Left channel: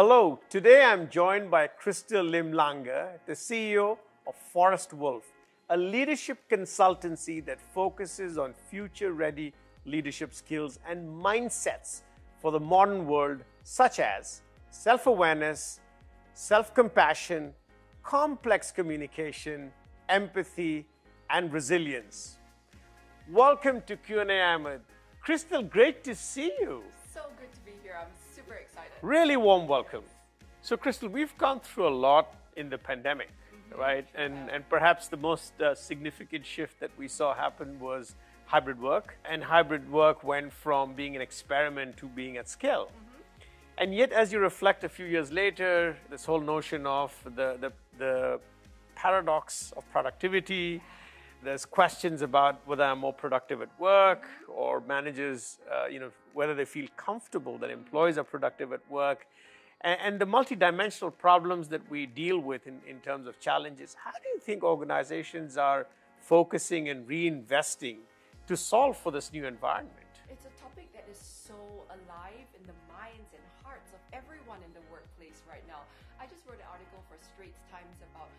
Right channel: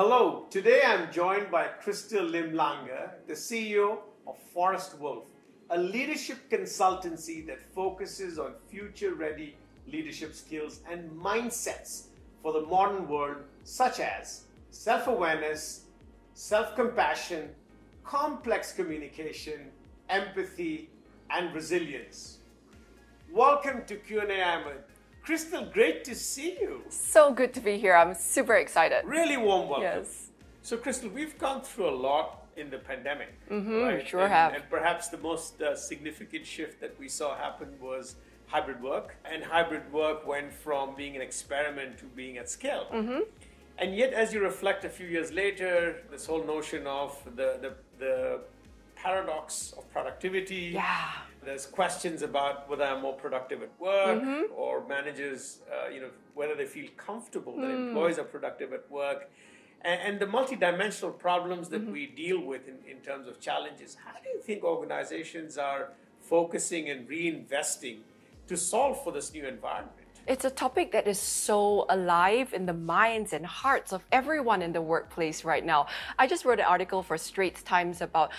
Hello, today I'm joined by Crystal Lim-Lange, the CEO of Forest Wolf, a leadership consultancy that focuses on future-ready leadership skills and mindsets for the modern world, such as self-awareness, self-compassion, complex communication, empathy, and resilience. Welcome to Q&Ahmed. Crystal, great to see you. So good to be here. I'm super excited. Really warm welcome. Yes. So, Crystal, we've gone through a lot in the pandemic, right? Sure have. And perhaps the most significant shift that we saw happen was hybrid work. And hybrid work went from being an experiment to being at scale. And yet, as you reflect a few years later, this whole notion of the paradox of productivity. Yeah. There's questions about whether I'm more productive at work or managers, whether they feel comfortable that employees are productive at work. And the multidimensional problems that we deal with in terms of challenges. How do you think organizations are focusing and reinvesting to solve for this new environment? It's a topic that is so alive in the minds and hearts of everyone in the workplace right now. I just wrote an article for Straits Times about,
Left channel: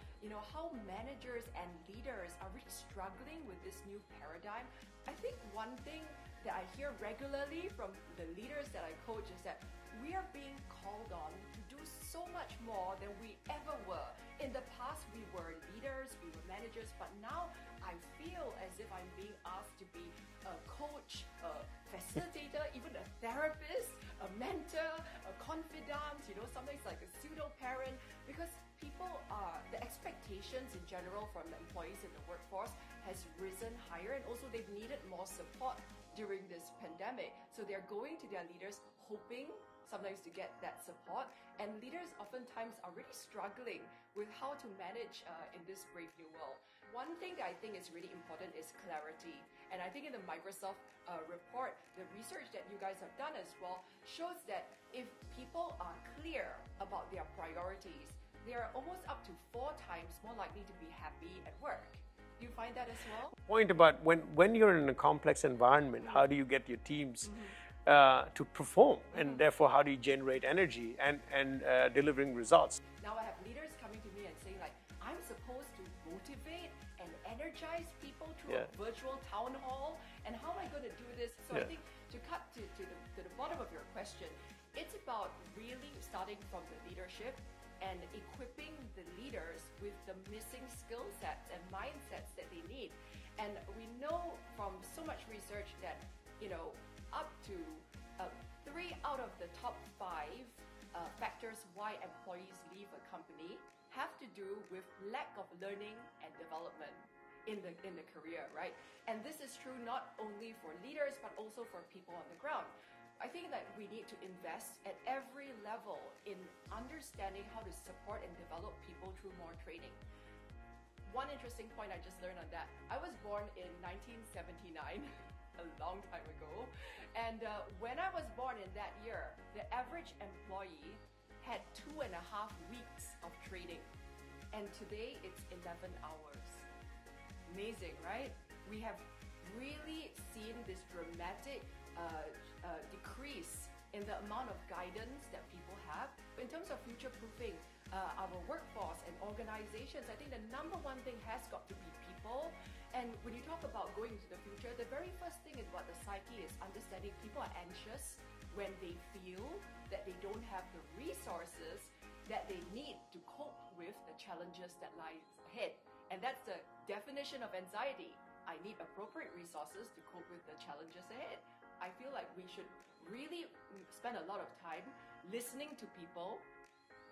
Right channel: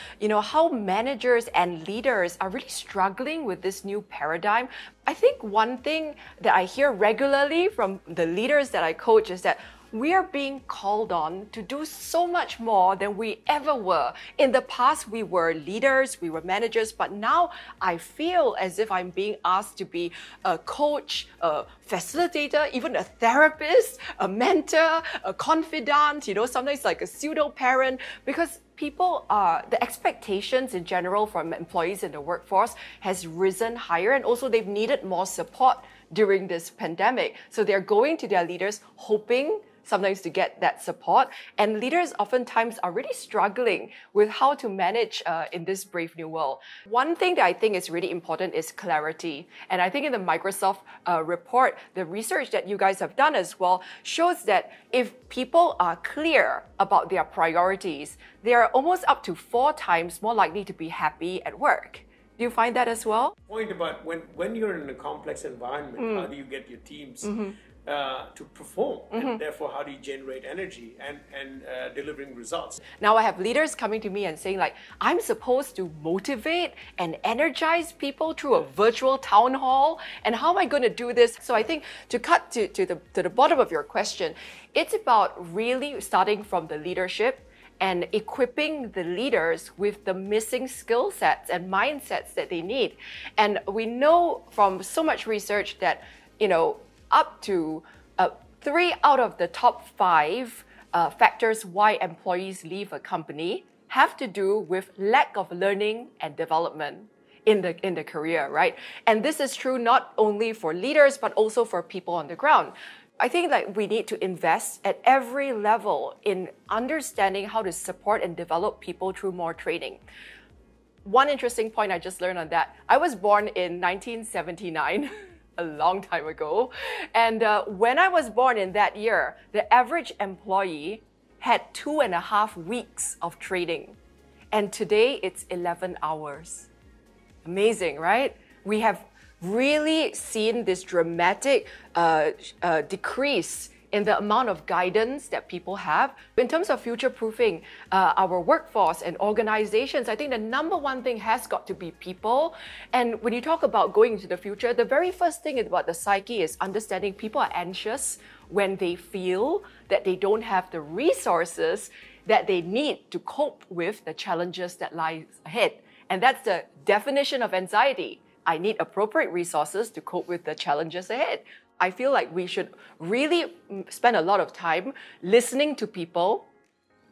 how managers and leaders are really struggling with this new paradigm. I think one thing that I hear regularly from the leaders that I coach is that we are being called on to do so much more than we ever were. In the past, we were leaders, we were managers, but now I feel as if I'm being asked to be a coach, a facilitator, even a therapist, a mentor, a confidant, sometimes like a pseudo-parent, because the expectations in general from employees in the workforce has risen higher, and also they've needed more support during this pandemic. So they're going to their leaders hoping sometimes to get that support. And leaders oftentimes are really struggling with how to manage in this brave new world. One thing that I think is really important is clarity. And I think in the Microsoft report, the research that you guys have done as well shows that if people are clear about their priorities, they are almost up to 4 times more likely to be happy at work. Do you find that as well? Point about when you're in a complex environment, how do you get your teams to perform, and therefore how do you generate energy and delivering results? Now I have leaders coming to me and saying like, I'm supposed to motivate and energize people through a virtual town hall, and how am I going to do this? So I think to cut to the bottom of your question, it's about really starting from the leadership and equipping the leaders with the missing skill sets and mindsets that they need. And we know from so much research that, up to 3 out of the top 5 factors why employees leave a company have to do with lack of learning and development in the career, right? And this is true not only for leaders, but also for people on the ground. I think that we need to invest at every level in understanding how to support and develop people through more training. One interesting point I just learned on that, I was born in 1979, a long time ago. And when I was born in that year, the average employee had 2.5 weeks of training. And today it's 11 hours. Amazing, right? We have really seen this dramatic decrease in the amount of guidance that people have. In terms of future-proofing our workforce and organizations, I think the number one thing has got to be people. And when you talk about going into the future, the very first thing about the psyche is understanding people are anxious when they feel that they don't have the resources that they need to cope with the challenges that lie ahead. And that's the definition of anxiety. I need appropriate resources to cope with the challenges ahead. I feel like we should really spend a lot of time listening to people,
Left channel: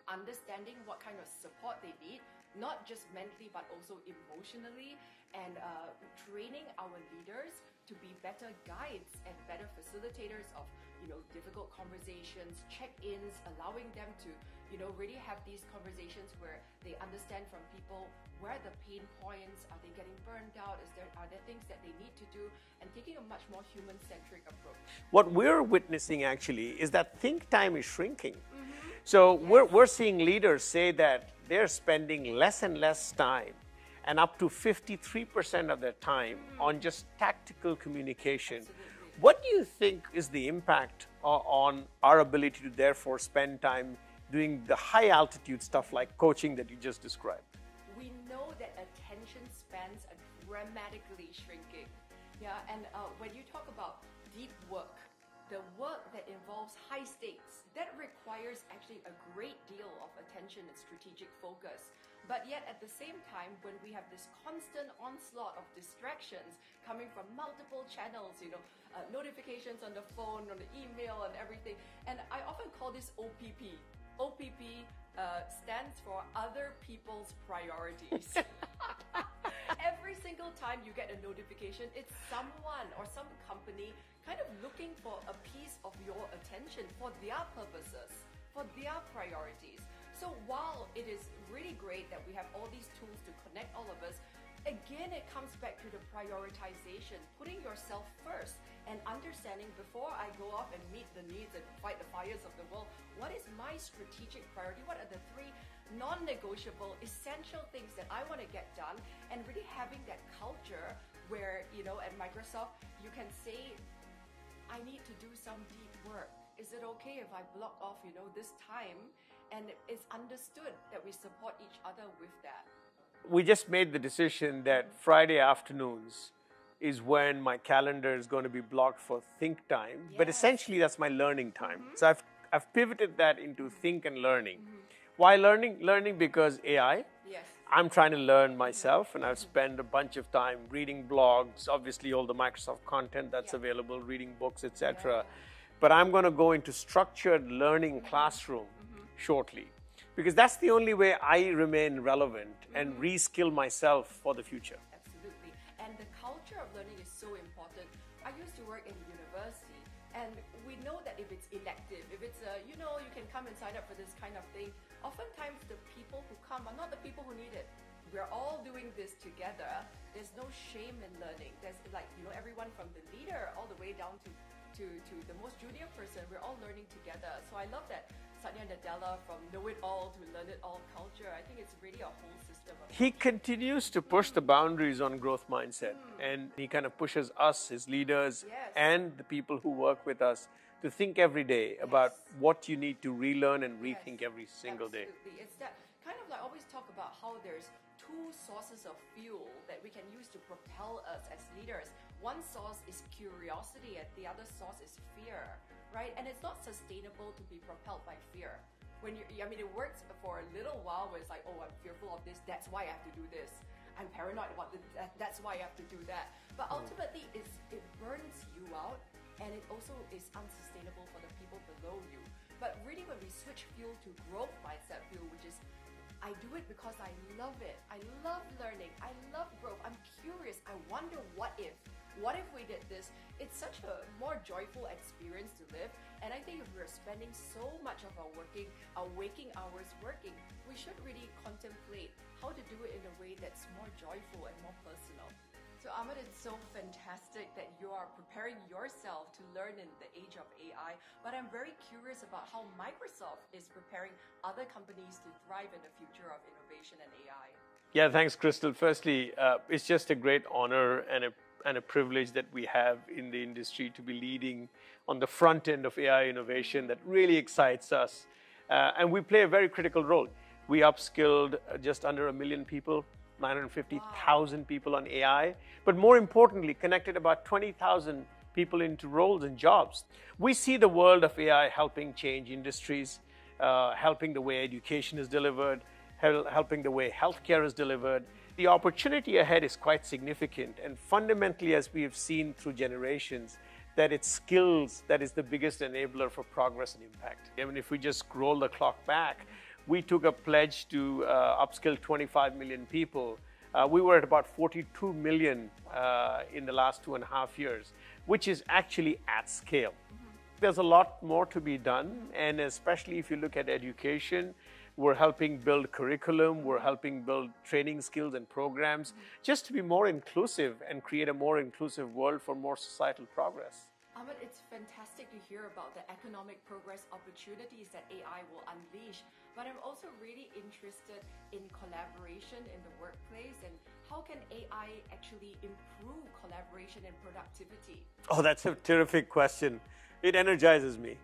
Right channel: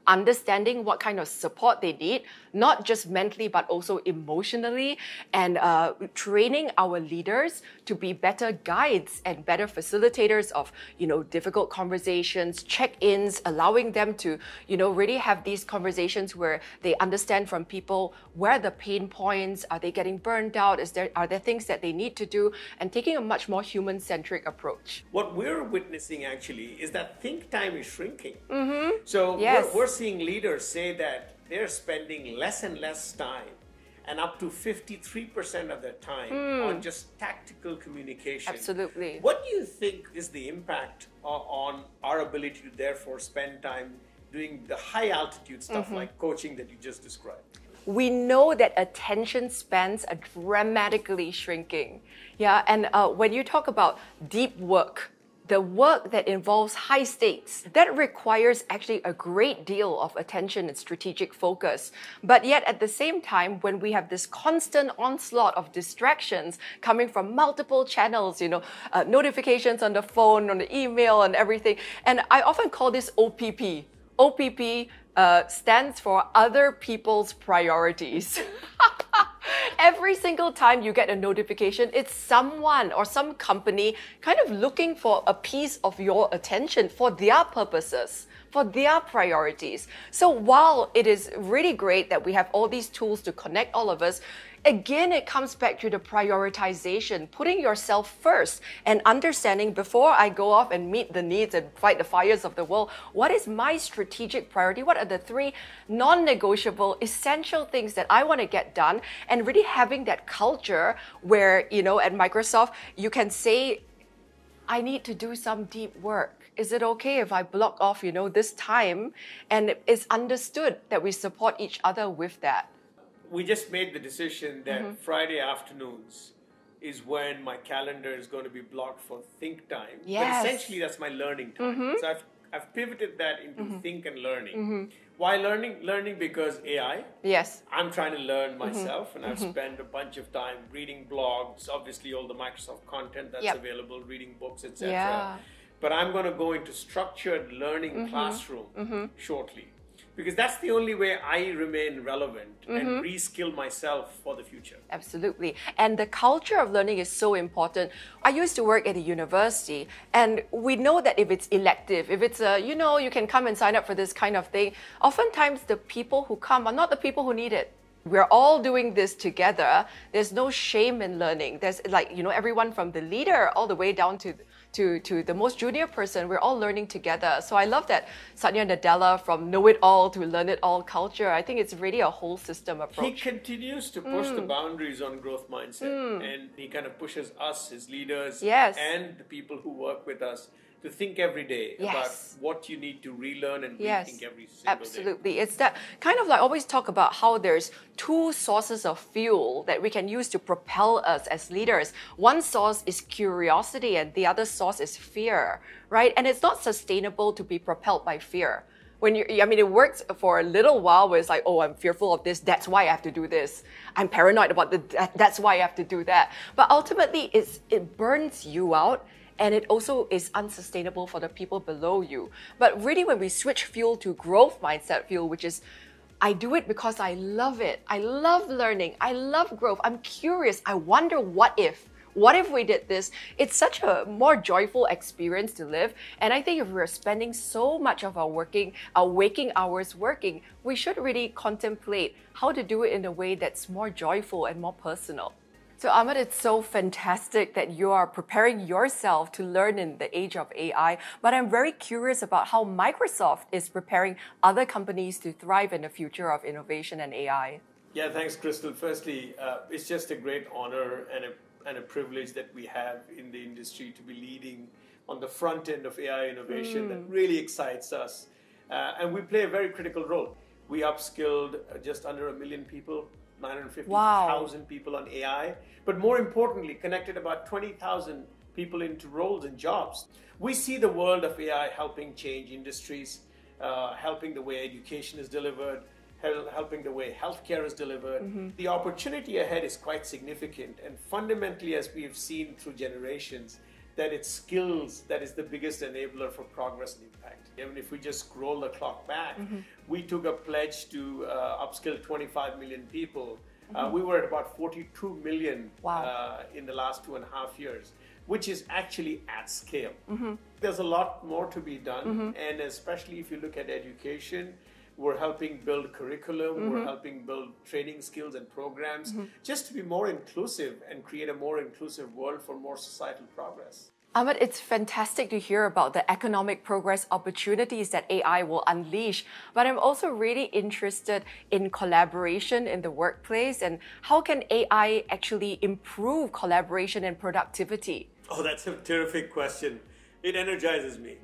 understanding what kind of support they need, not just mentally, but also emotionally, and training our leaders to be better guides and better facilitators of, difficult conversations, check-ins, allowing them to, really have these conversations where they understand from people where the pain points, are they getting burned out, are there things that they need to do, and taking a much more human-centric approach. What we're witnessing actually is that think time is shrinking. So Yes. we're seeing leaders say that they're spending less and less time, and up to 53% of their time on just tactical communication. Absolutely. What do you think is the impact on our ability to therefore spend time doing the high altitude stuff like coaching that you just described? We know that attention spans are dramatically shrinking. Yeah, and when you talk about deep work, the work that involves high stakes, that requires actually a great deal of attention and strategic focus. But yet at the same time, when we have this constant onslaught of distractions coming from multiple channels, notifications on the phone, on the email and everything, and I often call this OPP. OPP stands for other people's priorities. Every single time you get a notification, it's someone or some company kind of looking for a piece of your attention for their purposes, for their priorities. So while it is really great that we have all these tools to connect all of us, again, it comes back to the prioritization, putting yourself first and understanding before I go off and meet the needs and fight the fires of the world, what is my strategic priority? What are the 3 non-negotiable, essential things that I want to get done? And really having that culture where, at Microsoft, you can say, I need to do some deep work. Is it okay if I block off, this time? And it's understood that we support each other with that. We just made the decision that Friday afternoons is when my calendar is going to be blocked for think time. Yes. But essentially, that's my learning time. So I've pivoted that into think and learning. Why learning? Learning because AI. Yes. I'm trying to learn myself, and I've spent a bunch of time reading blogs, obviously all the Microsoft content that's available, reading books, etc. Yeah. But I'm going to go into structured learning classroom shortly. Because that's the only way I remain relevant and reskill myself for the future. Absolutely. And the culture of learning is so important. I used to work at a university, and we know that if it's elective, if it's you can come and sign up for this kind of thing, oftentimes the people who come are not the people who need it. We're all doing this together. There's no shame in learning. There's everyone from the leader all the way down to the most junior person, we're all learning together. So I love that Satya Nadella, from know-it-all to learn-it-all culture. I think it's really a whole system approach. He continues to push the boundaries on growth mindset, and he kind of pushes us, his leaders, and the people who work with us, to think every day about what you need to relearn and rethink every single day. Absolutely. It's that kind of like always talk about how there's 2 sources of fuel that we can use to propel us as leaders. One source is curiosity and the other source is fear, right? And it's not sustainable to be propelled by fear. It works for a little while where it's like, oh, I'm fearful of this, that's why I have to do this. I'm paranoid about that's why I have to do that. But ultimately, it burns you out. And it also is unsustainable for the people below you. But really, when we switch fuel to growth mindset fuel, which is, I do it because I love it. I love learning. I love growth. I'm curious. I wonder what if. What if we did this? It's such a more joyful experience to live. And I think if we're spending so much of our waking hours working, we should really contemplate how to do it in a way that's more joyful and more personal. So Ahmed, it's so fantastic that you are preparing yourself to learn in the age of AI, but I'm very curious about how Microsoft is preparing other companies to thrive in the future of innovation and AI. Yeah, thanks, Crystal. Firstly, it's just a great honor and a privilege that we have in the industry to be leading on the front end of AI innovation that really excites us. And we play a very critical role. We upskilled just under 1 million people, 950,000 people on AI, but more importantly, connected about 20,000 people into roles and jobs. We see the world of AI helping change industries, helping the way education is delivered, helping the way healthcare is delivered. The opportunity ahead is quite significant, and fundamentally, as we have seen through generations, that it's skills that is the biggest enabler for progress and impact. Even if we just scroll the clock back, we took a pledge to upskill 25 million people. We were at about 42 million in the last 2.5 years, which is actually at scale. There's a lot more to be done, and especially if you look at education, we're helping build curriculum, we're helping build training skills and programs, just to be more inclusive and create a more inclusive world for more societal progress. Ahmed, it's fantastic to hear about the economic progress opportunities that AI will unleash, but I'm also really interested in collaboration in the workplace and how can AI actually improve collaboration and productivity? Oh, that's a terrific question. It energizes me.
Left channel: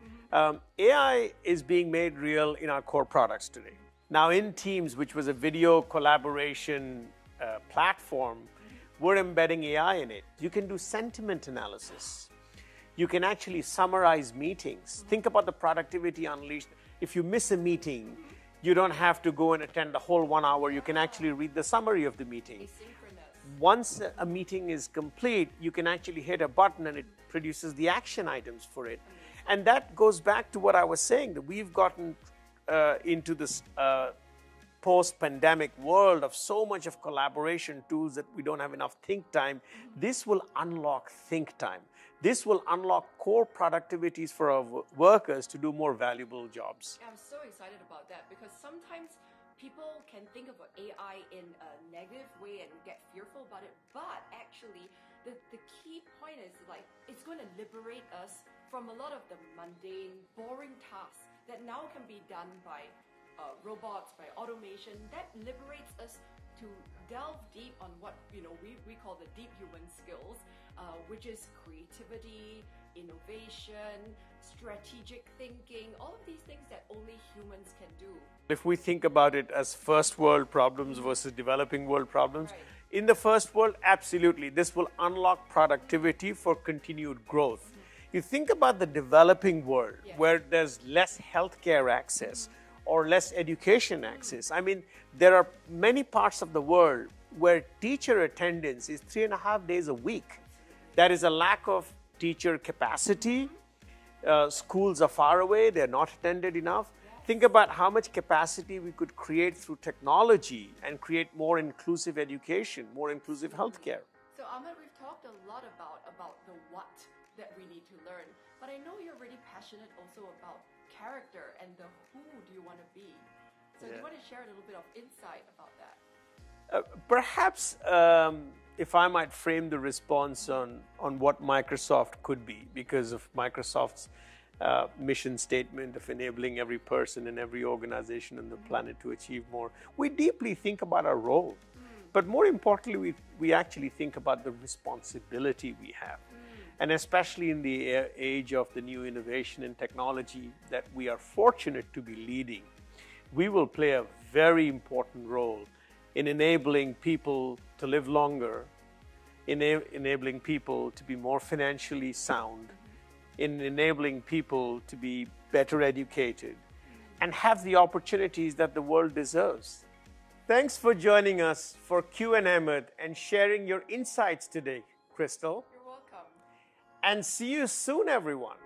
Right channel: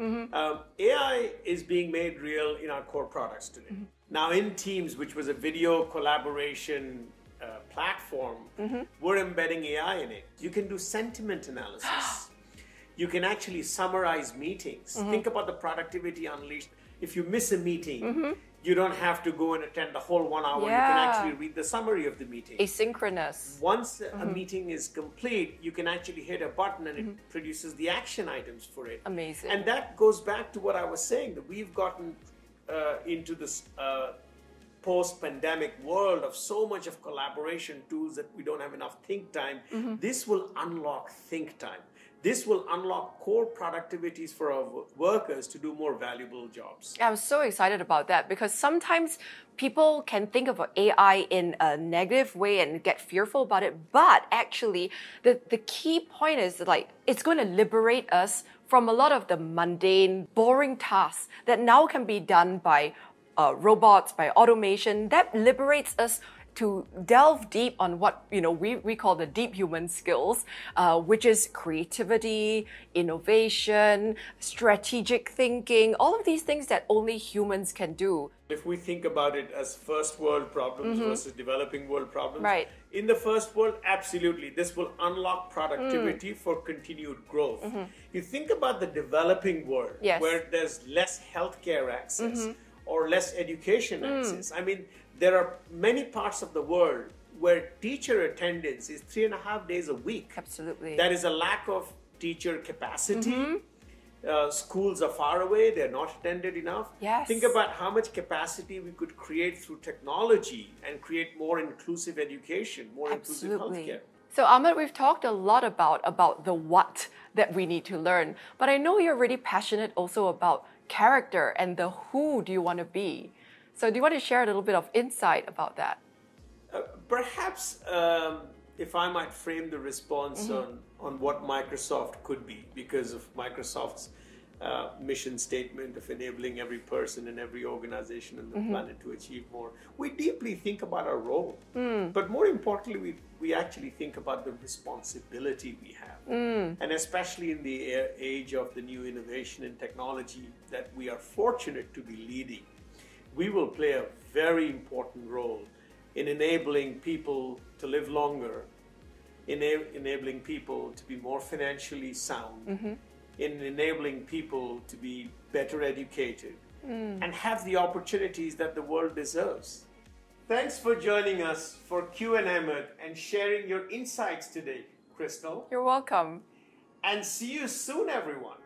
AI is being made real in our core products today. Now in Teams, which was a video collaboration platform, we're embedding AI in it. You can do sentiment analysis. You can actually summarize meetings. Think about the productivity unleashed. If you miss a meeting, you don't have to go and attend the whole 1 hour. You can actually read the summary of the meeting. Asynchronous. Once a meeting is complete, you can actually hit a button and it produces the action items for it. Amazing. And that goes back to what I was saying, that we've gotten into this post-pandemic world of so much of collaboration tools that we don't have enough think time. This will unlock think time. This will unlock core productivities for our workers to do more valuable jobs. I'm so excited about that because sometimes people can think of AI in a negative way and get fearful about it. But actually, the key point is like it's going to liberate us from a lot of the mundane, boring tasks that now can be done by robots, by automation. That liberates us to delve deep on what we call the deep human skills, which is creativity, innovation, strategic thinking, all of these things that only humans can do. If we think about it as first world problems versus developing world problems, in the first world, absolutely, this will unlock productivity for continued growth. You think about the developing world, where there's less healthcare access, or less education access. I mean, there are many parts of the world where teacher attendance is 3.5 days a week. Absolutely. There is a lack of teacher capacity. Schools are far away, they're not attended enough. Yes. Think about how much capacity we could create through technology and create more inclusive education, more inclusive healthcare. So Ahmed, we've talked a lot about the what that we need to learn, but I know you're really passionate also about character and the who do you want to be. So do you want to share a little bit of insight about that? Perhaps if I might frame the response on what Microsoft could be, because of Microsoft's mission statement of enabling every person and every organization on the planet to achieve more. We deeply think about our role, but more importantly, we actually think about the responsibility we have. And especially in the age of the new innovation and technology that we are fortunate to be leading, we will play a very important role in enabling people to live longer, enabling people to be more financially sound, in enabling people to be better educated and have the opportunities that the world deserves. Thanks for joining us for Q&Ahmed and sharing your insights today, Crystal. You're welcome. And see you soon, everyone.